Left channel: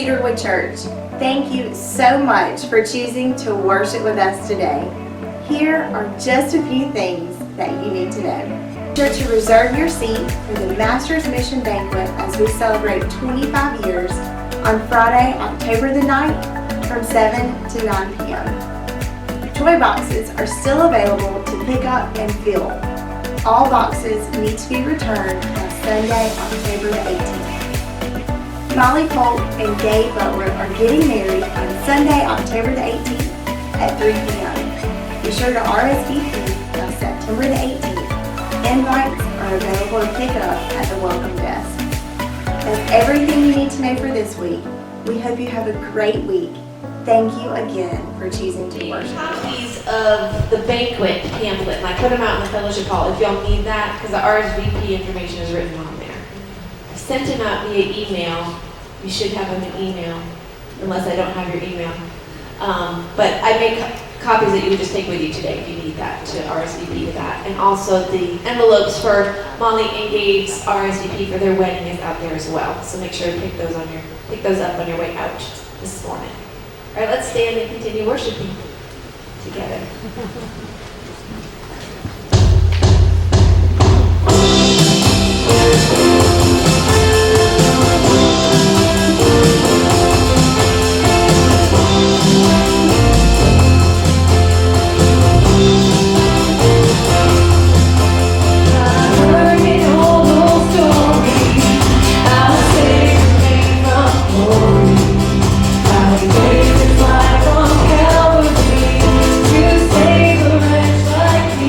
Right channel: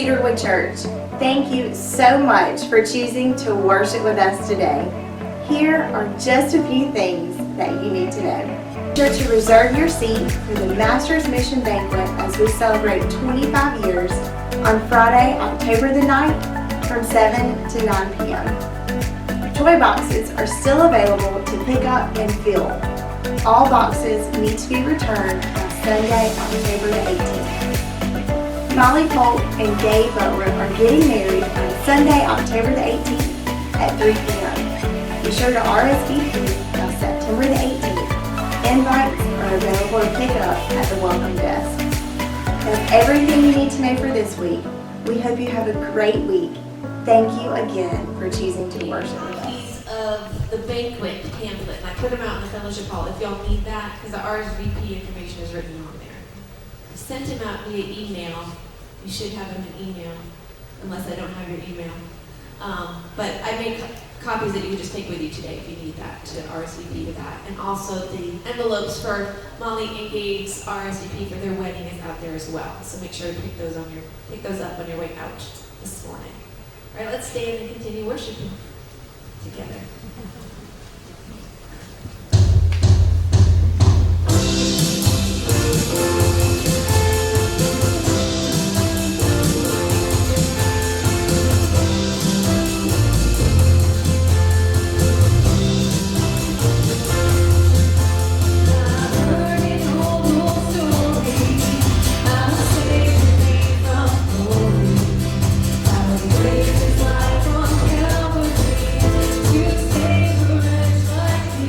Cedarwood Church. Thank you so much for choosing to worship with us today. Here are just a few things that you need to know. Be sure to reserve your seat for the Master's Mission Banquet as we celebrate 25 years on Friday, October the 9th from 7 to 9 p.m. Toy boxes are still available to pick up and fill. All boxes need to be returned by Sunday, October the 18th. Molly Polk and Gabe Butler are getting married on Sunday, October the 18th at 3 p.m. Be sure to RSVP by September the 18th. Invites are available to pick up at the welcome desk. That's everything you need to know for this week. We hope you have a great week. Thank you again for choosing to worship with us. Copies of the banquet pamphlet, and I put them out in the fellowship hall if y'all need that, because the RSVP information is written on there. I sent them out via email. You should have them in email, unless I don't have your email. But I made copies that you would just take with you today if you need that, to RSVP to that. And also the envelopes for Molly and Gabe's RSVP for their wedding is out there as well. So make sure to pick those up on your way out this morning. All right, let's stand and continue worshiping together. Like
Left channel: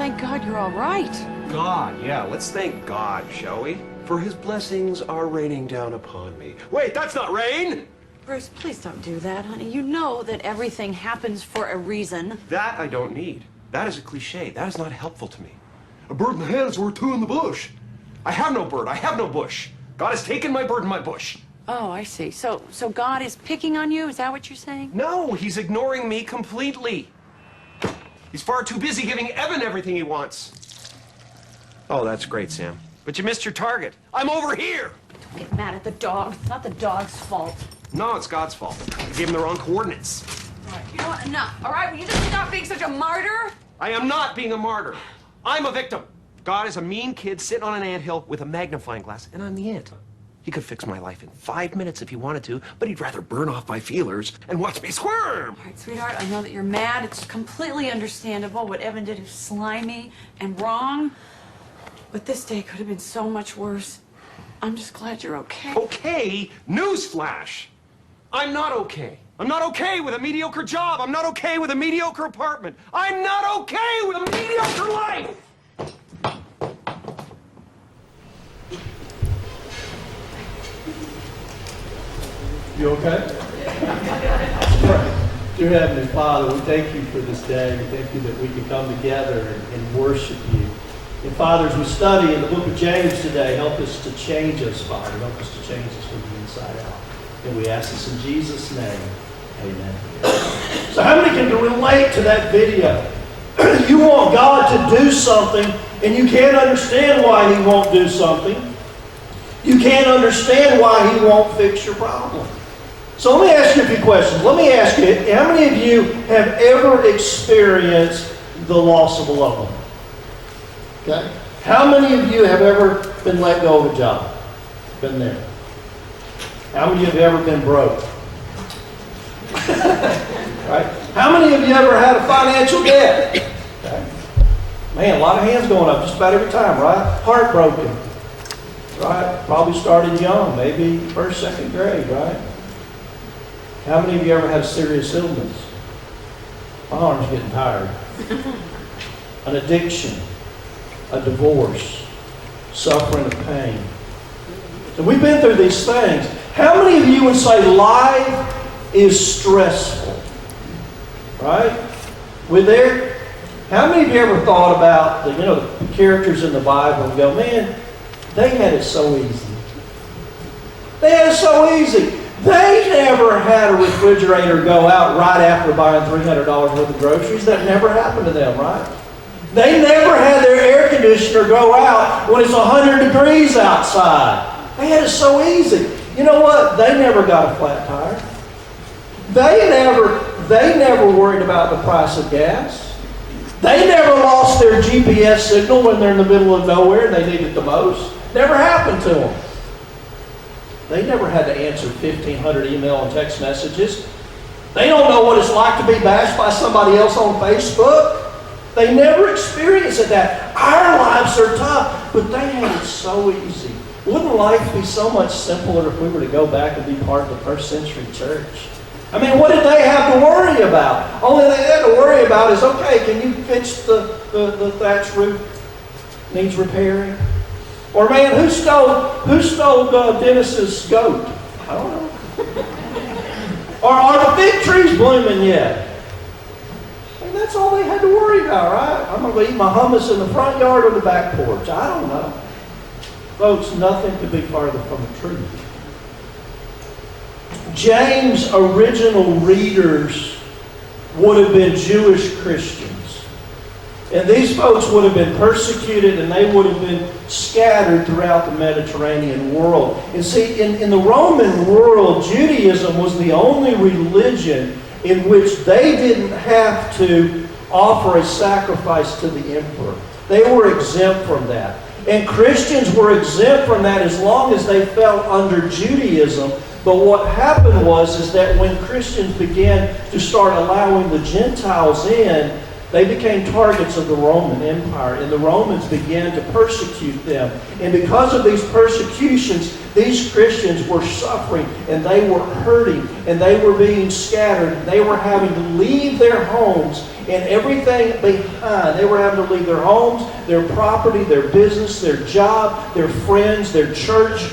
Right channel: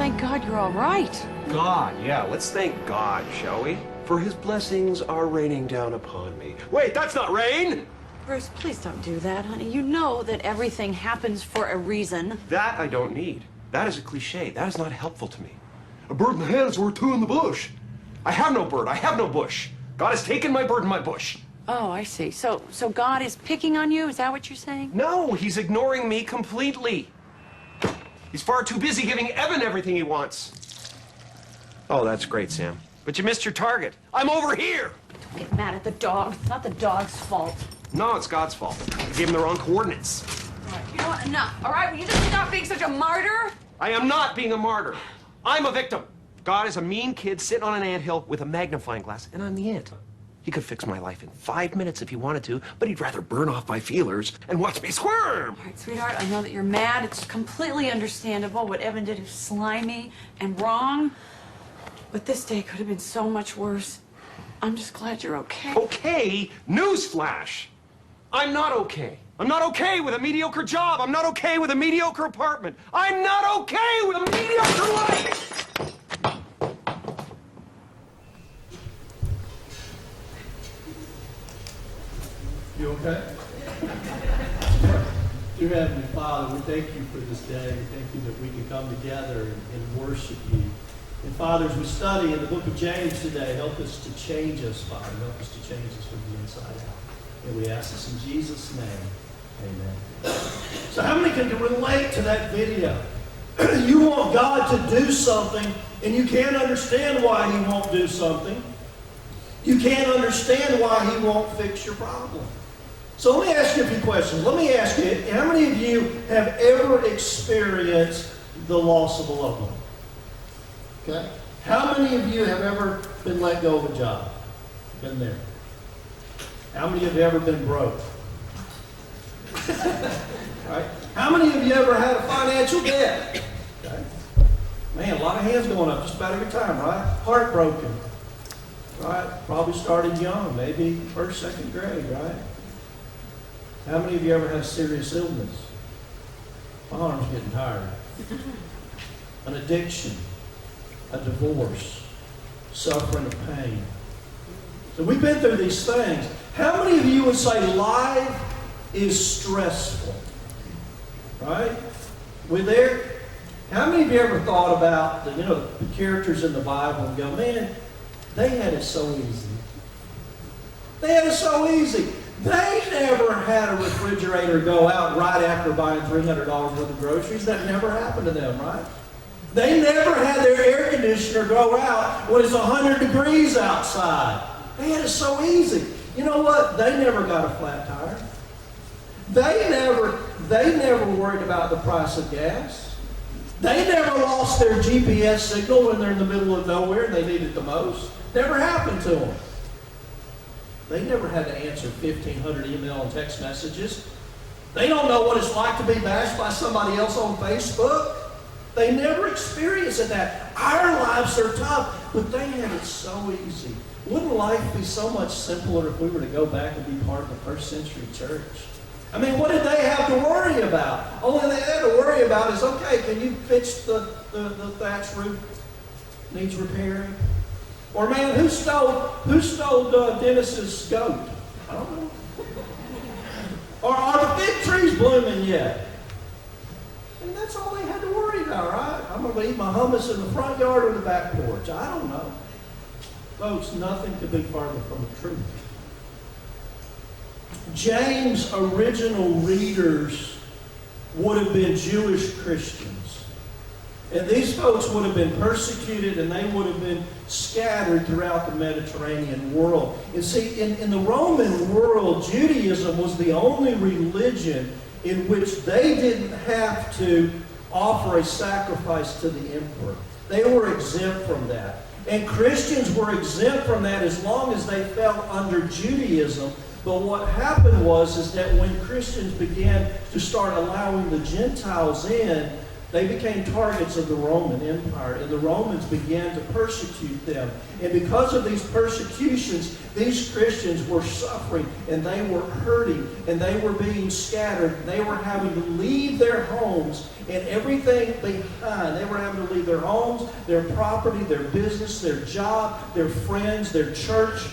thank God you're all right. God, yeah, let's thank God, shall we? For his blessings are raining down upon me. Wait, that's not rain! Bruce, please don't do that, honey. You know that everything happens for a reason. That I don't need. That is a cliche. That is not helpful to me. A bird in the hand is worth two in the bush. I have no bird. I have no bush. God has taken my bird and my bush. Oh, I see. So God is picking on you? Is that what you're saying? No, he's ignoring me completely. He's far too busy giving Evan everything he wants. Oh, that's great, Sam. But you missed your target. I'm over here. Don't get mad at the dog. It's not the dog's fault. No, it's God's fault. I gave him the wrong coordinates. All right, you know what? Enough. All right, will you just stop being such a martyr? I am not being a martyr. I'm a victim. God is a mean kid sitting on an anthill with a magnifying glass, and I'm the ant. He could fix my life in 5 minutes if he wanted to, but he'd rather burn off my feelers and watch me squirm. All right, sweetheart, I know that you're mad. It's completely understandable. What Evan did is slimy and wrong. But this day could have been so much worse. I'm just glad you're okay. Okay? Newsflash. I'm not okay. I'm not okay with a mediocre job. I'm not okay with a mediocre apartment. I'm not okay with a mediocre life. You okay? Right. Dear Heavenly Father, we thank you for this day. We thank you that we can come together and worship you. And Father, as we study in the book of James today, help us to change us, Father. Help us to change us from the inside out. And we ask this in Jesus' name. Amen. So how many can relate to that video? You want God to do something, and you can't understand why he won't do something. You can't understand why he won't fix your problem. So let me ask you a few questions. Let me ask you, how many of you have ever experienced the loss of a loved one? Okay? How many of you have ever been let go of a job? Been there. How many of you have ever been broke? Right? How many of you ever had a financial debt? Okay? Man, a lot of hands going up just about every time, right? Heartbroken. Right? Probably started young, maybe first, second grade, right? How many of you ever had a serious illness? My arm's getting tired. An addiction, a divorce, suffering of pain. So we've been through these things. How many of you would say life is stressful? Right? We're there. How many of you ever thought about the characters in the Bible and go, man, they had it so easy. They had it so easy. They never had a refrigerator go out right after buying $300 worth of groceries. That never happened to them, right? They never had their air conditioner go out when it's 100 degrees outside. They had it so easy. You know what? They never got a flat tire. They never worried about the price of gas. They never lost their GPS signal when they're in the middle of nowhere and they need it the most. Never happened to them. They never had to answer 1,500 email and text messages. They don't know what it's like to be bashed by somebody else on Facebook. They never experienced that. Our lives are tough, but they had it so easy. Wouldn't life be so much simpler if we were to go back and be part of the first century church? I mean, what did they have to worry about? Only they had to worry about is, okay, can you fix the thatch roof? Needs repairing? Or man, who stole Dennis's goat? I don't know. Or are the fig trees blooming yet? I mean, that's all they had to worry about, right? I'm going to eat my hummus in the front yard or the back porch. I don't know. Folks, nothing could be farther from the truth. James' original readers would have been Jewish Christians. And these folks would have been persecuted and they would have been scattered throughout the Mediterranean world. And see, in the Roman world, Judaism was the only religion in which they didn't have to offer a sacrifice to the emperor. They were exempt from that. And Christians were exempt from that as long as they fell under Judaism. But what happened was that when Christians began to start allowing the Gentiles in, They became targets of the Roman Empire, and the Romans began to persecute them. And because of these persecutions, these Christians were suffering, and they were hurting, and they were being scattered. They were having to leave their homes and everything behind. They were having to leave their homes, their property, their business, their job, their friends, their church.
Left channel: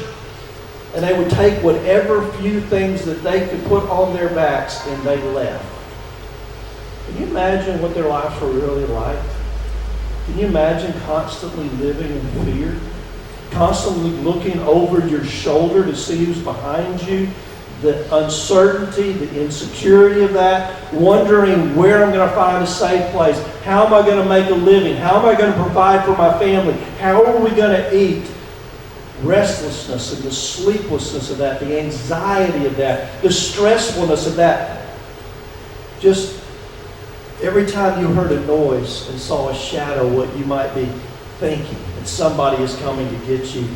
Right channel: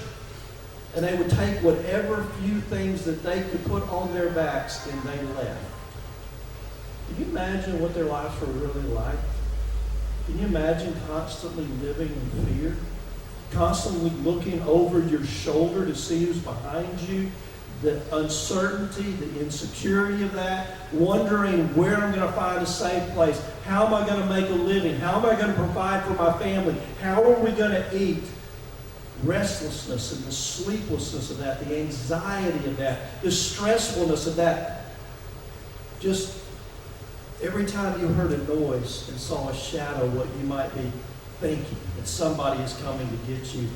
And they would take whatever few things that they could put on their backs, and they left. Can you imagine what their lives were really like? Can you imagine constantly living in fear? Constantly looking over your shoulder to see who's behind you? The uncertainty, the insecurity of that, wondering where I'm going to find a safe place. How am I going to make a living? How am I going to provide for my family? How are we going to eat? Restlessness and the sleeplessness of that, the anxiety of that, the stressfulness of that. Just every time you heard a noise and saw a shadow, what you might be thinking, that somebody is coming to get you.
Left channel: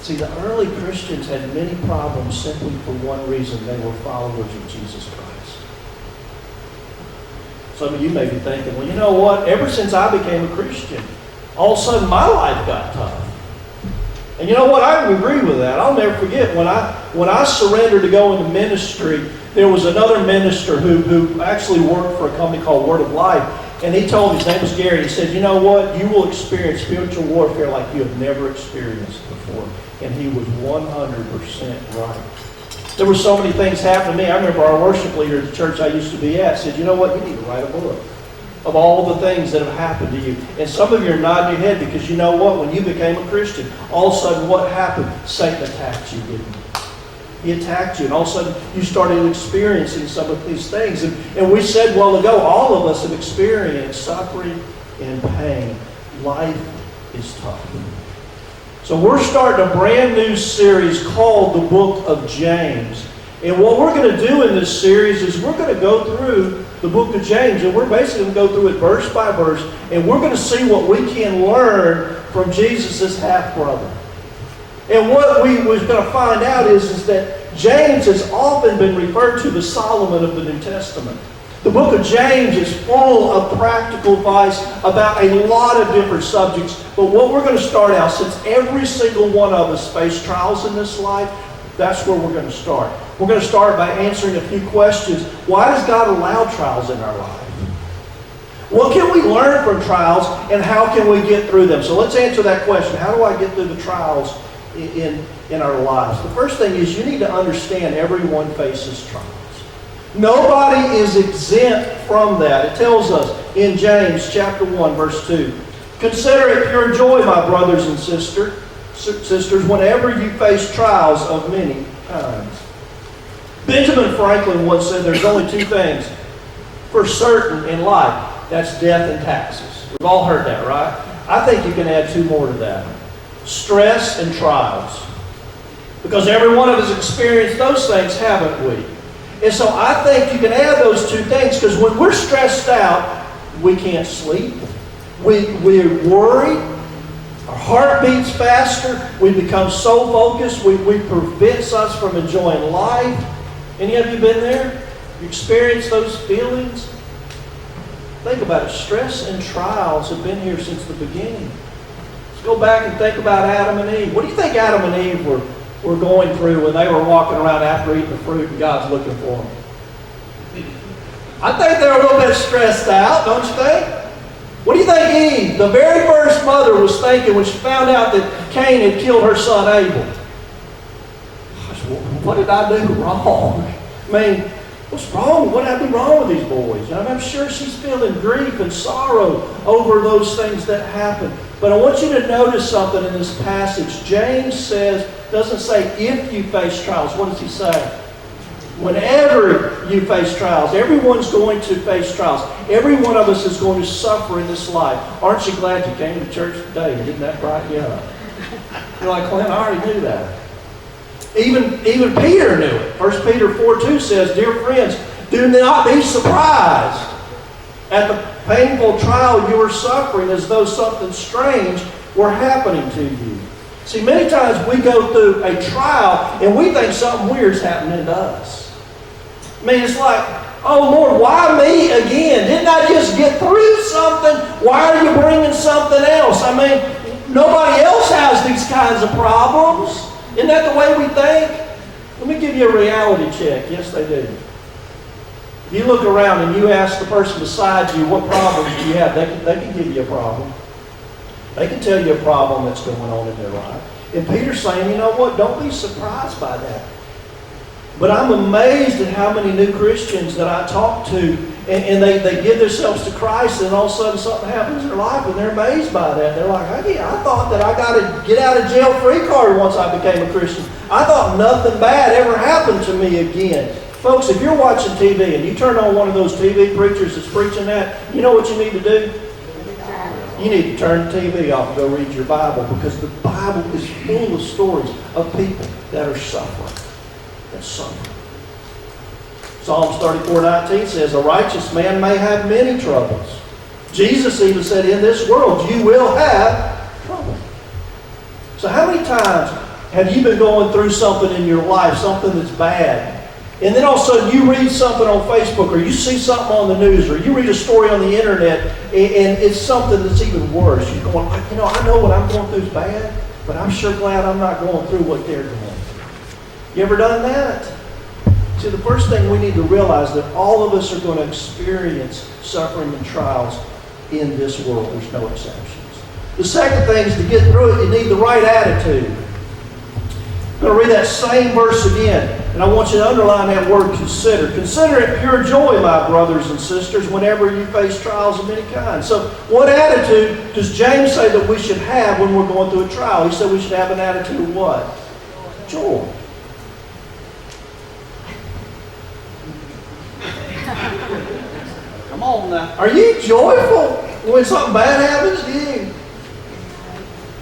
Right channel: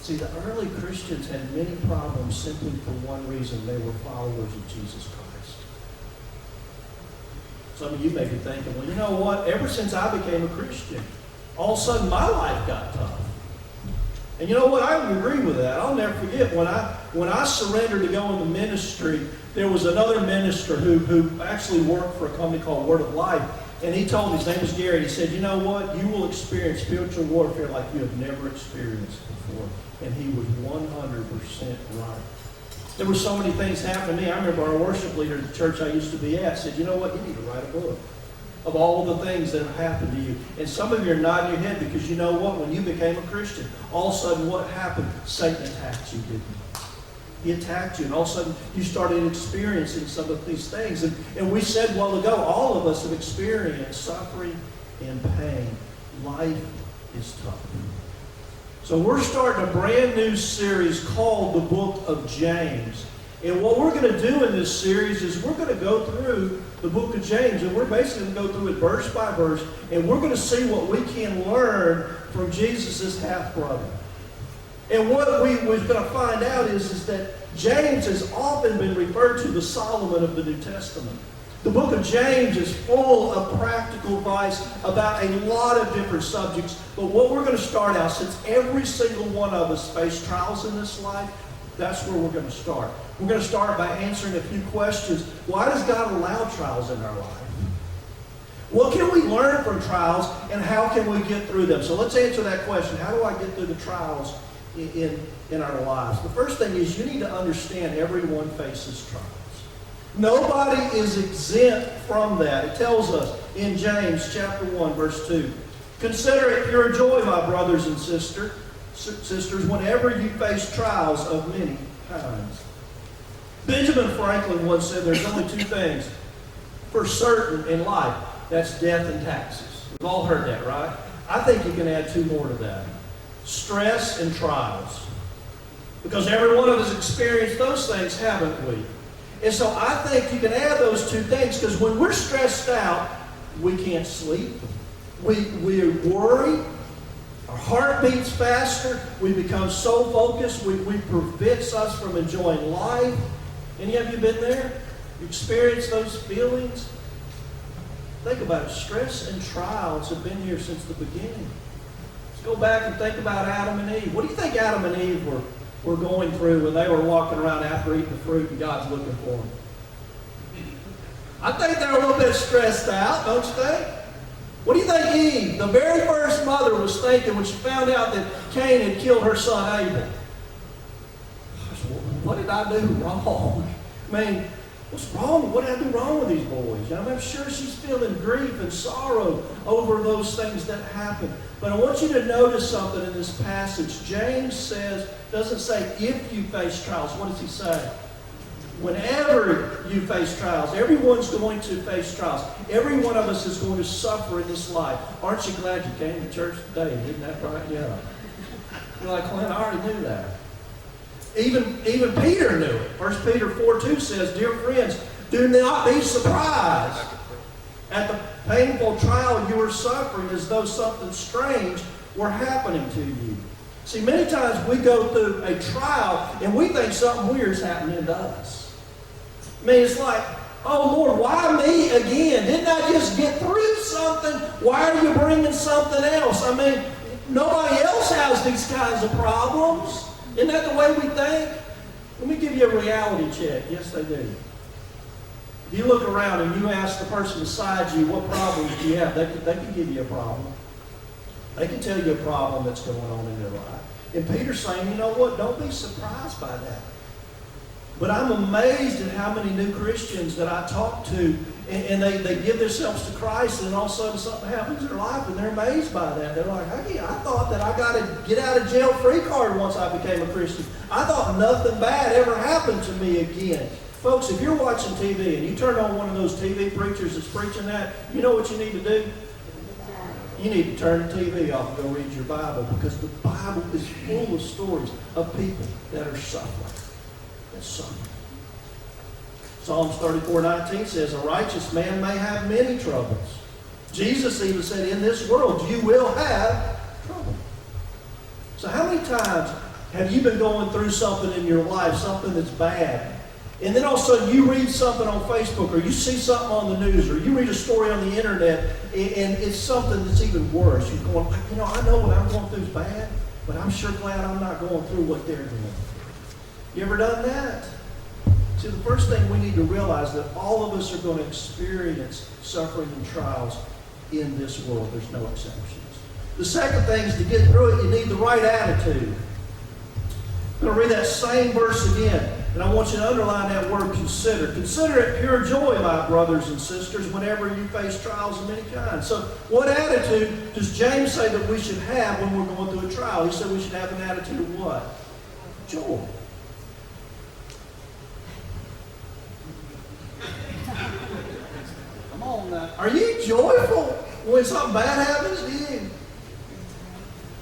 See, the early Christians had many problems simply for one reason: they were followers of Jesus Christ. Some of you may be thinking, well, you know what? Ever since I became a Christian, all of a sudden my life got tough. And you know what? I agree with that. I'll never forget when I surrendered to go into ministry. There was another minister who actually worked for a company called Word of Life. And he told me, his name was Gary, he said, you know what? You will experience spiritual warfare like you have never experienced before. And he was 100% right. There were so many things happening to me. I remember our worship leader at the church I used to be at said, you know what? You need to write a book of all the things that have happened to you. And some of you are nodding your head because you know what? When you became a Christian, all of a sudden what happened? Satan attacked you, didn't he? He attacked you, and all of a sudden you started experiencing some of these things. And we said a while ago, all of us have experienced suffering and pain. Life is tough. So we're starting a brand new series called the Book of James. And what we're going to do in this series is we're going to go through the book of James, and we're basically going to go through it verse by verse, and we're going to see what we can learn from Jesus' half-brother. And what we're going to find out is that James has often been referred to the Solomon of the New Testament. The book of James is full of practical advice about a lot of different subjects. But what we're going to start out, since every single one of us face trials in this life, that's where we're going to start. We're going to start by answering a few questions. Why does God allow trials in our life? What can we learn from trials, and how can we get through them? So let's answer that question. How do I get through the trials in our lives? The first thing is you need to understand everyone faces trials. Nobody is exempt from that. It tells us in James chapter 1, verse 2, consider it pure joy, my brothers and sisters, whenever you face trials of many kinds. Benjamin Franklin once said there's only two things for certain in life. That's death and taxes. We've all heard that, right? I think you can add two more to that. Stress and trials. Because every one of us experienced those things, haven't we? And so I think you can add those two things, because when we're stressed out, we can't sleep. We're worried. Our heart beats faster. We become so focused. We prevents us from enjoying life. Any of you been there? You experienced those feelings? Think about it. Stress and trials have been here since the beginning. Let's go back and think about Adam and Eve. What do you think Adam and Eve were going through when they were walking around after eating the fruit and God's looking for them? I think they were a little bit stressed out, don't you think? What do you think Eve, the very first mother, was thinking when she found out that Cain had killed her son Abel? Gosh, what did I do wrong? I mean, what's wrong? What did I do wrong with these boys? I'm sure she's feeling grief and sorrow over those things that happened. But I want you to notice something in this passage. James doesn't say if you face trials. What does he say? Whenever you face trials. Everyone's going to face trials. Every one of us is going to suffer in this life. Aren't you glad you came to church today? Didn't that brighten you up? You're like, Clint, I already knew that. Even Peter knew it. 1 Peter 4:2 says, dear friends, do not be surprised at the painful trial you are suffering as though something strange were happening to you. See, many times we go through a trial and we think something weird's happening to us. I mean, it's like Oh, Lord, why me again? Didn't I just get through something? Why are you bringing something else? I mean, nobody else has these kinds of problems. Isn't that the way we think? Let me give you a reality check. Yes, they do. If you look around and you ask the person beside you, what problems do you have? They can give you a problem. They can tell you a problem that's going on in their life. And Peter's saying, you know what? Don't be surprised by that. But I'm amazed at how many new Christians that I talk to, and they give themselves to Christ, and all of a sudden something happens in their life, and they're amazed by that. They're like, hey, I thought that I got a get out of jail free card once I became a Christian. I thought nothing bad ever happened to me again. Folks, if you're watching TV and you turn on one of those TV preachers that's preaching that, you know what you need to do? You need to turn the TV off and go read your Bible, because the Bible is full of stories of people that are suffering. That's suffering. Psalms 34:19 says, a righteous man may have many troubles. Jesus even said, in this world you will have trouble. So how many times have you been going through something in your life, something that's bad, and then all of a sudden you read something on Facebook, or you see something on the news, or you read a story on the internet, and it's something that's even worse. You're going, I know what I'm going through is bad, but I'm sure glad I'm not going through what they're going through. You ever done that? See, the first thing we need to realize that all of us are going to experience suffering and trials in this world. There's no exceptions. The second thing is, to get through it, you need the right attitude. I'm going to read that same verse again, and I want you to underline that word consider. Consider it pure joy, my brothers and sisters, whenever you face trials of many kinds. So what attitude does James say that we should have when we're going through a trial? He said we should have an attitude of what? Joy. Come on now. Are you joyful when something bad happens to you?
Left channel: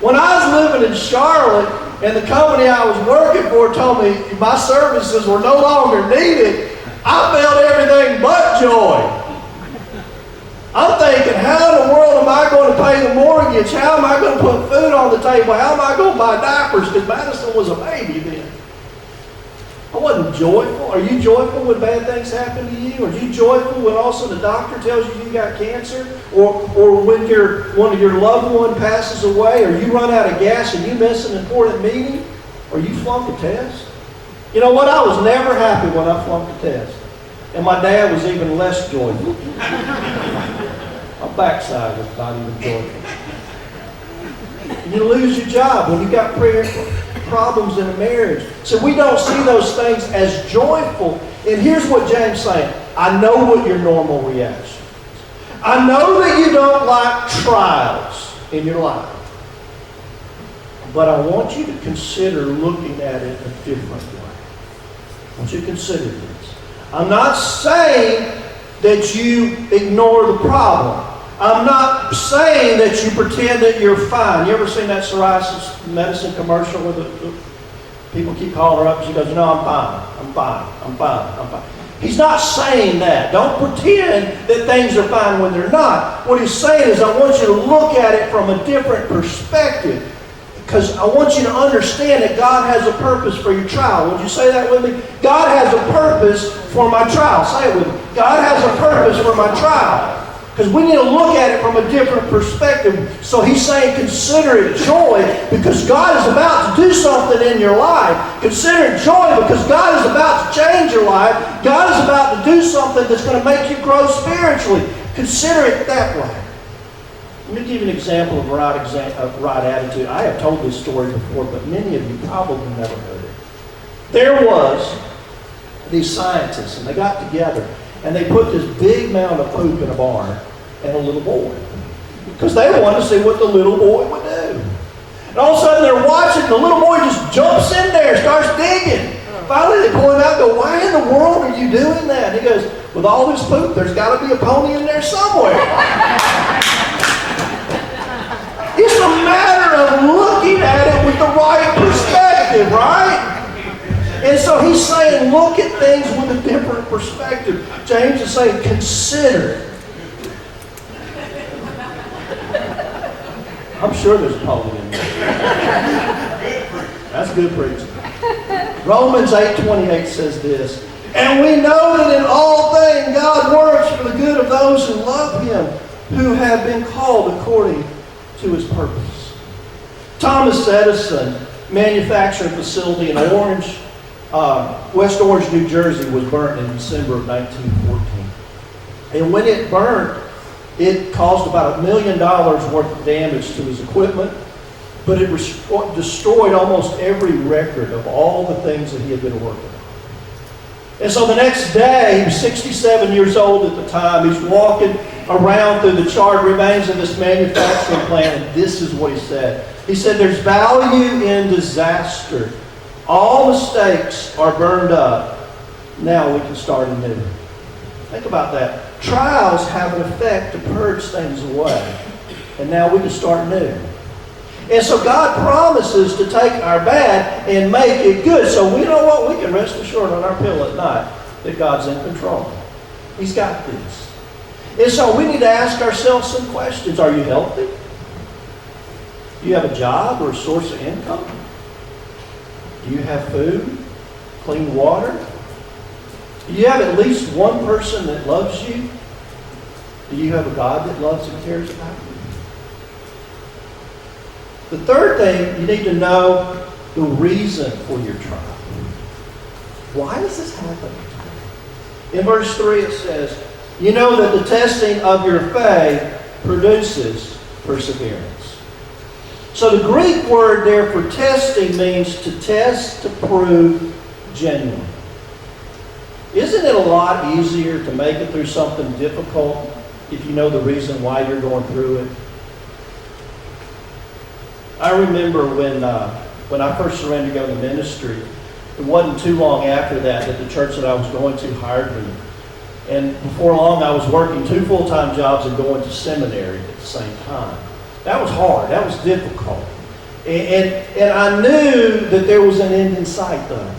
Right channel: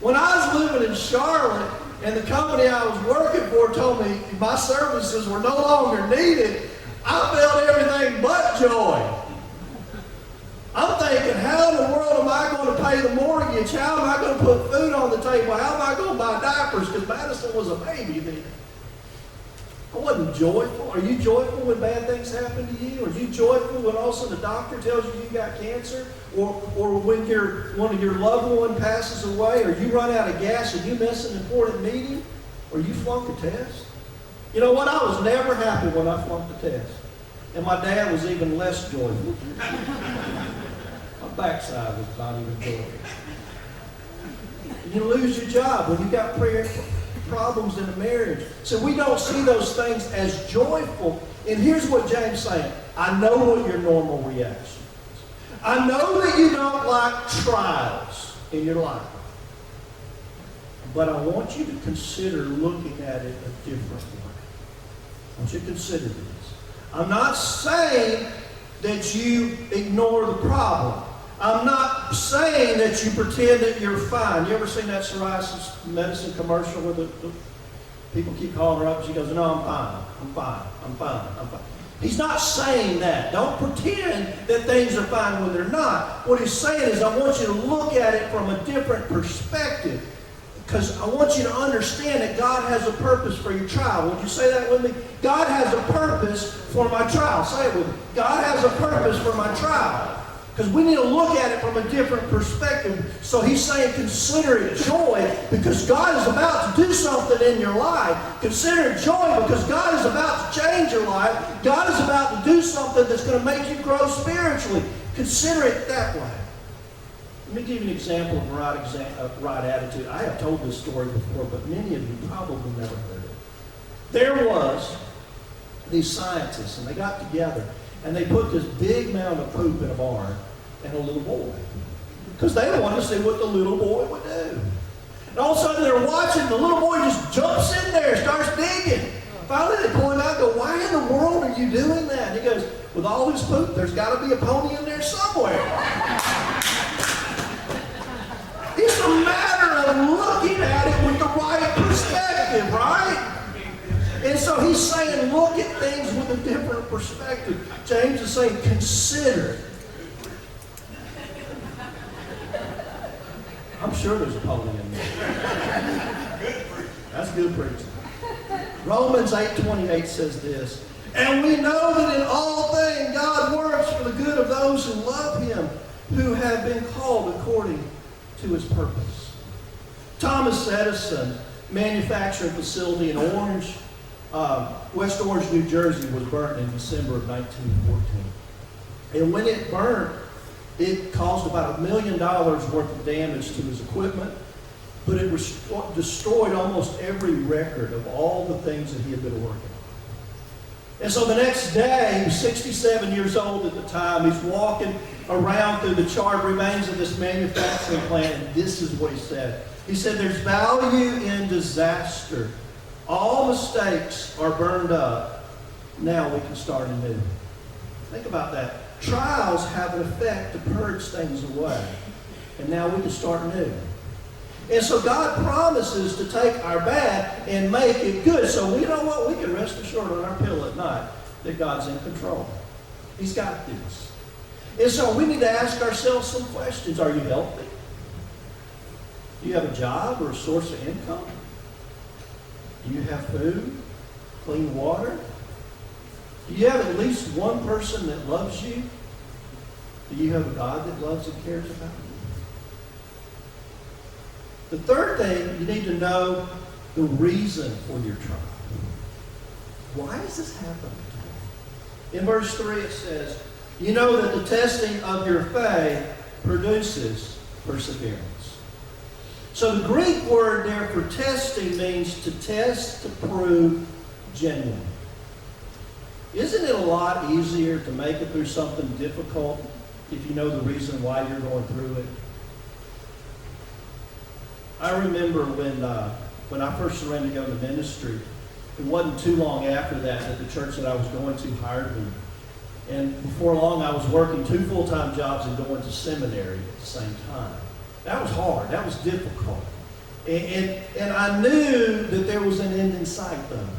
When I was living in Charlotte, and the company I was working for told me my services were no longer needed, I felt everything but joy. I'm thinking, how in the world am I going to pay the mortgage? How am I going to put food on the table? How am I going to buy diapers? Because Madison was a baby then. I wasn't joyful. Are you joyful when bad things happen to you? Are you joyful when all of a sudden the doctor tells you got cancer? Or when one of your loved one passes away? Or you run out of gas and you miss an important meeting? Or you flunk a test? You know what? I was never happy when I flunked a test. And my dad was even less joyful. My backside was not even joyful. You lose your job when you got problems in a marriage. So we don't see those things as joyful. And here's what James is saying. I know what your normal reaction is. I know that you don't like trials in your life. But I want you to consider looking at it a different way. I want you to consider this. I'm not saying that you ignore the problem. I'm not saying that you pretend that you're fine. You ever seen that psoriasis medicine commercial where the people keep calling her up and she goes, no, I'm fine. I'm fine. I'm fine. I'm fine. He's not saying that. Don't pretend that things are fine when they're not. What he's saying is, I want you to look at it from a different perspective. Because I want you to understand that God has a purpose for your trial. Would you say that with me? God has a purpose for my trial. Say it with me. God has a purpose for my trial. Because we need to look at it from a different perspective. So he's saying consider it joy because God is about to do something in your life. Consider it joy because God is about to change your life. God is about to do something that's going to make you grow spiritually. Consider it that way. Let me give you an example of right attitude. I have told this story before, but many of you probably never heard it. There was these scientists, and they got together, and they put this big mound of poop in a barn and a little boy. Because they wanted to see what the little boy would do. And all of a sudden they're watching, the little boy just jumps in there, starts digging. Finally they pull him out and go, why in the world are you doing that? And he goes, with all this poop, there's got to be a pony in there somewhere. It's a matter of looking at it with the right perspective, right? And so he's saying, look at things with a different perspective. James is saying, consider it. I'm sure there's a pony in there. That's good preaching. Romans 8:28 says this, And we know that in all things God works for the good of those who love Him, who have been called according to His purpose. Thomas Edison manufacturing facility in West Orange, New Jersey was burnt in December of 1914. And when it burnt, it caused about $1 million worth of damage to his equipment, but it destroyed almost every record of all the things that he had been working on. And so the next day, he was 67 years old at the time, he's walking around through the charred remains of this manufacturing plant, and this is what he said. He said, "There's value in disaster. All mistakes are burned up. Now we can start anew." Think about that. Trials have an effect to purge things away. And now we can start new. And so God promises to take our bad and make it good. So we know what? We can rest assured on our pillow at night that God's in control. He's got this. And so we need to ask ourselves some questions. Are you healthy? Do you have a job or a source of income? Do you have food, clean water? Do you have at least one person that loves you? Do you have a God that loves and cares about you? The third thing, you need to know the reason for your trial. Why is this happening today? In verse 3 it says, "You know that the testing of your faith produces perseverance." So the Greek word there for testing means to test, to prove genuine. Isn't it a lot easier to make it through something difficult if you know the reason why you're going through it? I remember when I first surrendered to go to ministry, it wasn't too long after that the church that I was going to hired me. And before long, I was working 2 full-time jobs and going to seminary at the same time. That was hard. That was difficult. And I knew that there was an end in sight, though.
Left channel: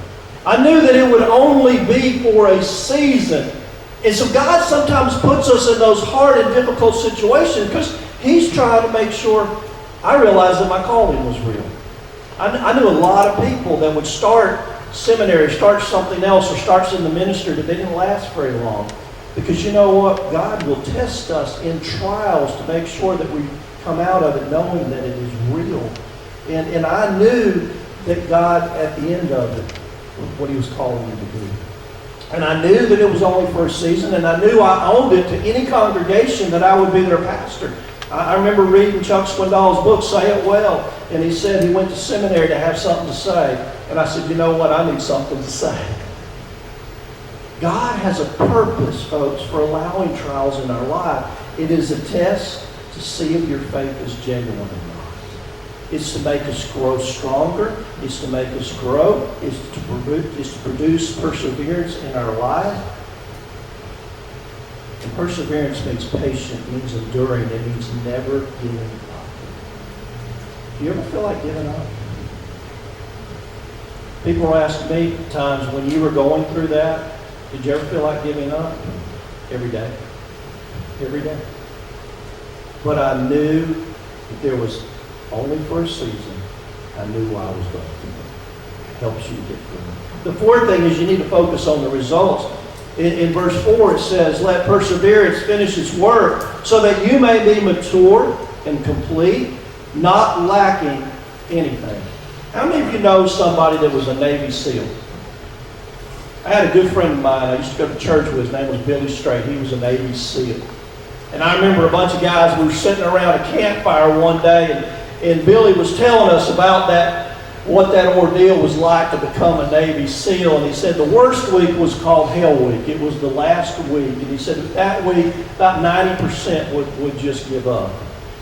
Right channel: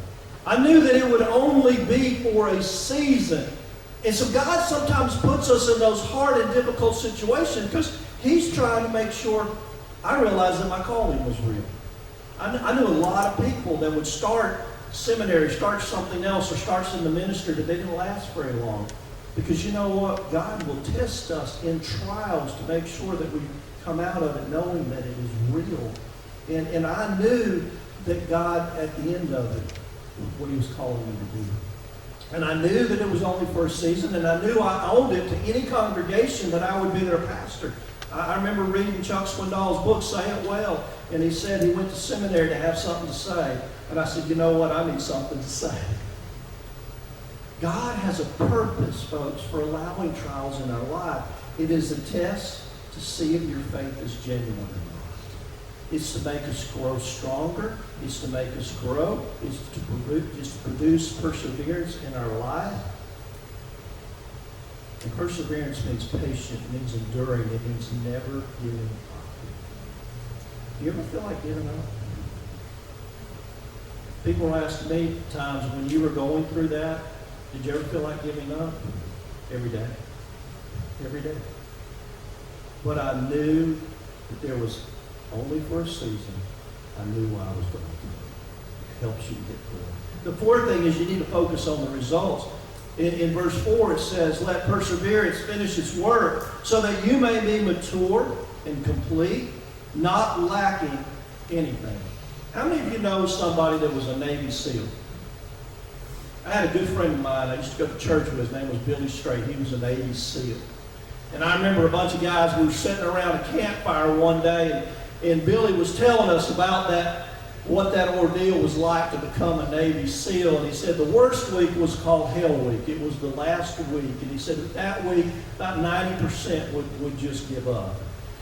I knew that it would only be for a season. And so God sometimes puts us in those hard and difficult situations because He's trying to make sure I realized that my calling was real. I knew a lot of people that would start seminary, start something else, or start in the ministry, but they didn't last very long. Because you know what? God will test us in trials to make sure that we come out of it knowing that it is real. And I knew that God, at the end of it, what He was calling me to do. And I knew that it was only for a season, and I knew I owned it to any congregation that I would be their pastor. I remember reading Chuck Swindoll's book, Say It Well, and he said he went to seminary to have something to say. And I said, you know what? I need something to say. God has a purpose, folks, for allowing trials in our life. It is a test to see if your faith is genuine or not. It's to make us grow stronger. It's to make us grow. It's to produce perseverance in our life. And perseverance means patient, means enduring. It means never giving up. Do you ever feel like giving up? People ask me times, when you were going through that, did you ever feel like giving up? Every day. Every day. But I knew that there was only for a season. I knew why I was going through it. It helps you to get through it. The fourth thing is you need to focus on the results. In verse 4 it says, "Let perseverance finish its work, so that you may be mature and complete, not lacking anything." How many of you know somebody that was a Navy SEAL? I had a good friend of mine. I used to go to church with. His name was Billy Strait. He was a Navy SEAL. And I remember a bunch of guys, we were sitting around a campfire one day, and Billy was telling us about what that ordeal was like to become a Navy SEAL. And he said the worst week was called Hell Week. It was the last week. And he said that week, about 90% would just give up.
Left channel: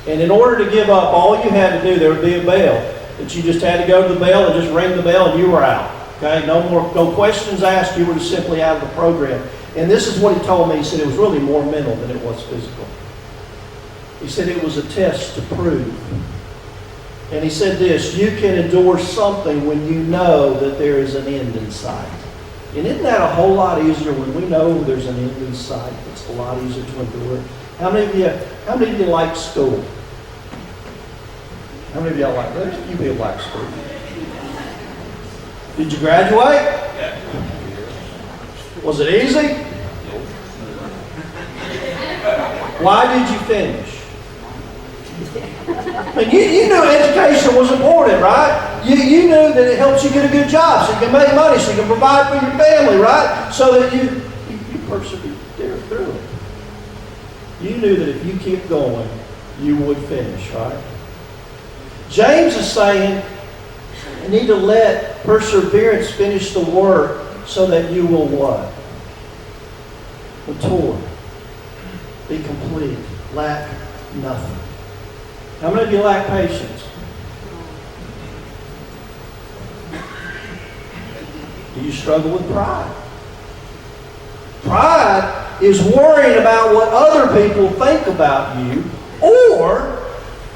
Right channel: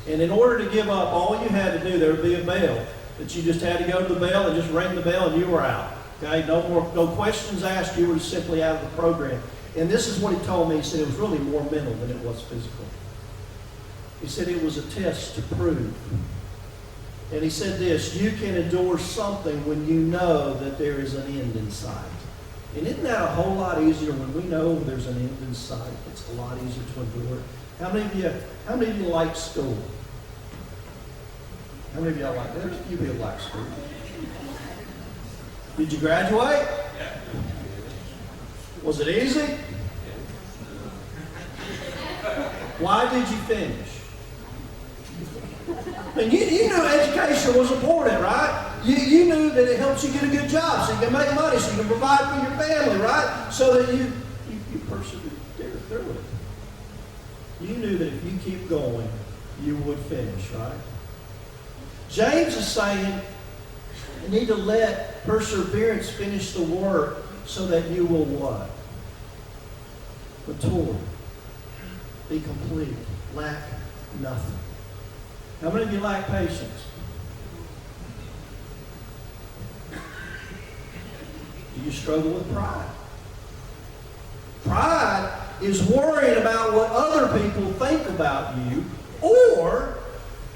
And in order to give up, all you had to do, there would be a bell that you just had to go to the bell and just ring the bell and you were out. Okay, no questions asked. You were just simply out of the program. And this is what he told me. He said it was really more mental than it was physical. He said it was a test to prove. And he said this, you can endure something when you know that there is an end in sight. And isn't that a whole lot easier when we know there's an end in sight? It's a lot easier to endure. How many of you like school? How many of y'all like, there's a few people like school. Did you graduate? Yeah. Was it easy? Why did you finish? I mean, you knew education was important, right? You knew that it helps you get a good job so you can make money, so you can provide for your family, right? So that you persevere through it. You knew that if you keep going, you would finish, right? James is saying you need to let perseverance finish the work so that you will what? Mature. Be complete. Lack nothing. How many of you lack patience? Do you struggle with pride? Pride is worrying about what other people think about you or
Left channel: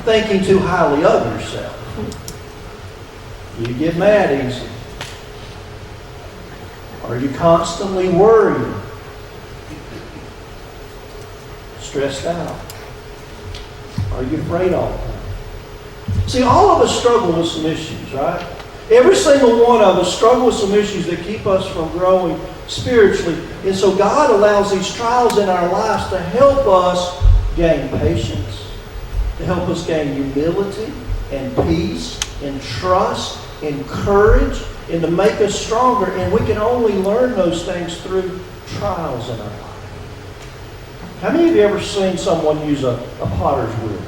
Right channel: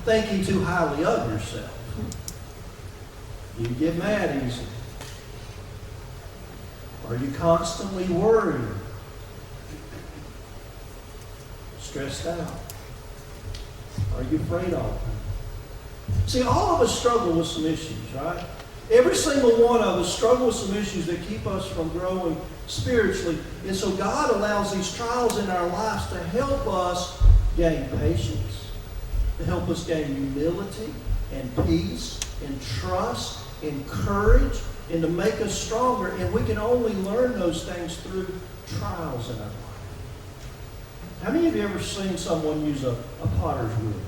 thinking too highly of yourself. You get mad easy. Are you constantly worried? Stressed out? Are you afraid all the time? See, all of us struggle with some issues, right? Every single one of us struggle with some issues that keep us from growing spiritually. And so God allows these trials in our lives to help us gain patience, to help us gain humility and peace and trust and courage, and to make us stronger. And we can only learn those things through trials in our life. How many of you ever seen someone use a potter's wheel?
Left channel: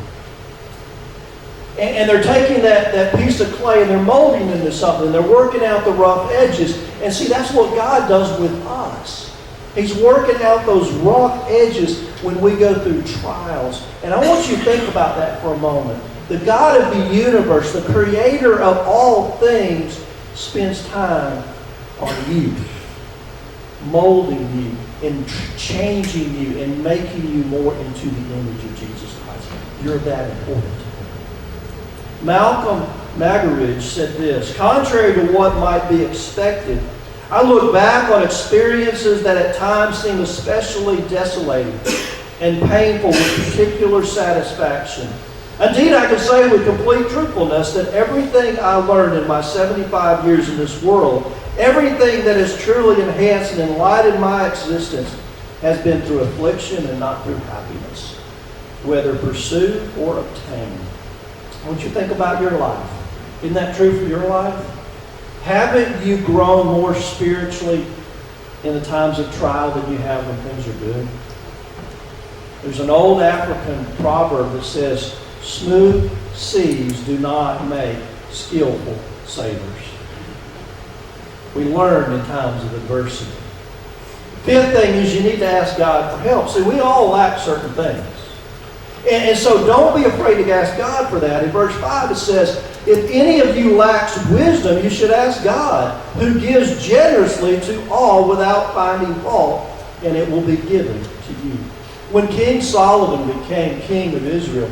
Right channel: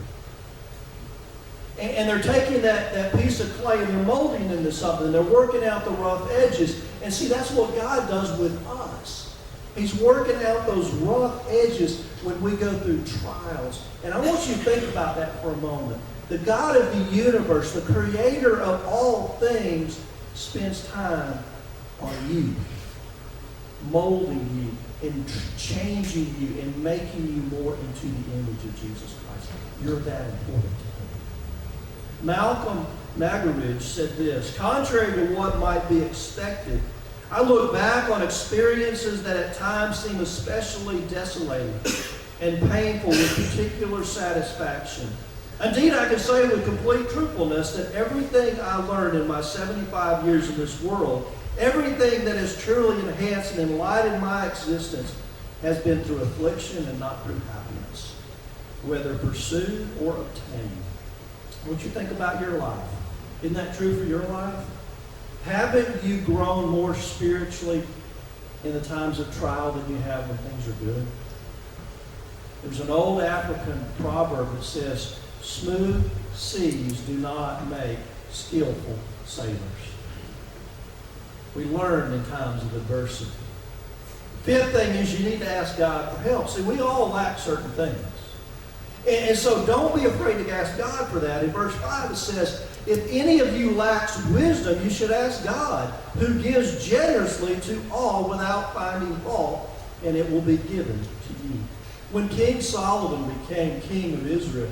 And they're taking that piece of clay and they're molding it into something. And they're working out the rough edges. And see, that's what God does with us. He's working out those rough edges when we go through trials. And I want you to think about that for a moment. The God of the universe, the creator of all things, spends time on you, molding you and changing you and making you more into the image of Jesus Christ. You're that important to him. Malcolm Maggeridge said this: contrary to what might be expected, I look back on experiences that at times seem especially desolating and painful with particular satisfaction. Indeed, I can say with complete truthfulness that everything I learned in my 75 years in this world, everything that has truly enhanced and enlightened my existence, has been through affliction and not through happiness, whether pursued or obtained. I want you to think about your life. Isn't that true for your life? Haven't you grown more spiritually in the times of trial than you have when things are good? There's an old African proverb that says, smooth seas do not make skillful sailors. We learn in times of adversity. Fifth thing is you need to ask God for help. See, we all lack certain things. And so don't be afraid to ask God for that. In verse 5 it says, if any of you lacks wisdom, you should ask God, who gives generously to all without finding fault, and it will be given to you. When King Solomon became king of Israel,